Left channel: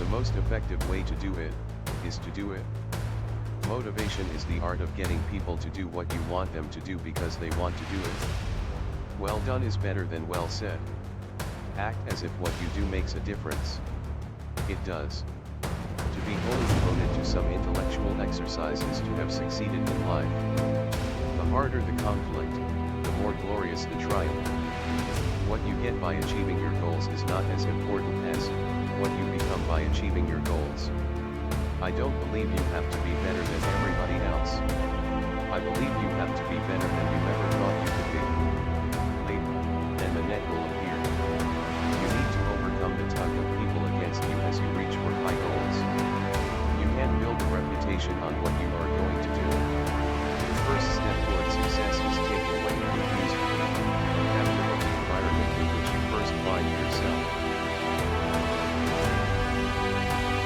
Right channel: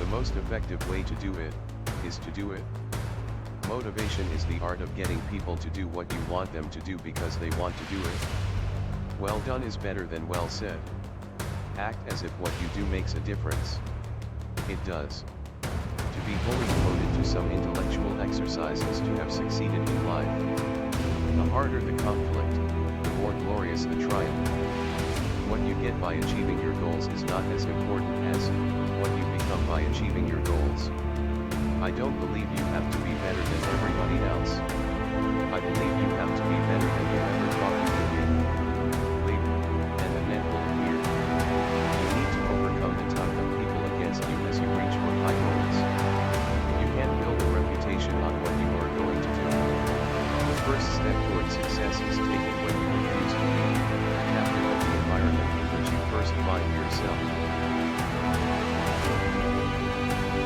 The most effective way to do it, is to do it. Motivation is the art of getting people to do what you want them to do because they want to do it. Well done is better than well said. Act as if what you do makes a difference. It does. To be wholly devoted to some intellectual exercise is to have succeeded in life. The harder the conflict, the more glorious the triumph. What you get by achieving your goals is not as important as what you become by achieving your goals. I don't believe you have to be better than everybody else. I believe you have to be better than you ever thought you could be. Leap, and the net will appear. You need to overcome the tug of people against you as you reach for high goals. You can't build a reputation on what you are going to do. The first step toward success is taken when you refuse to be a captive of the environment in which you first find yourself.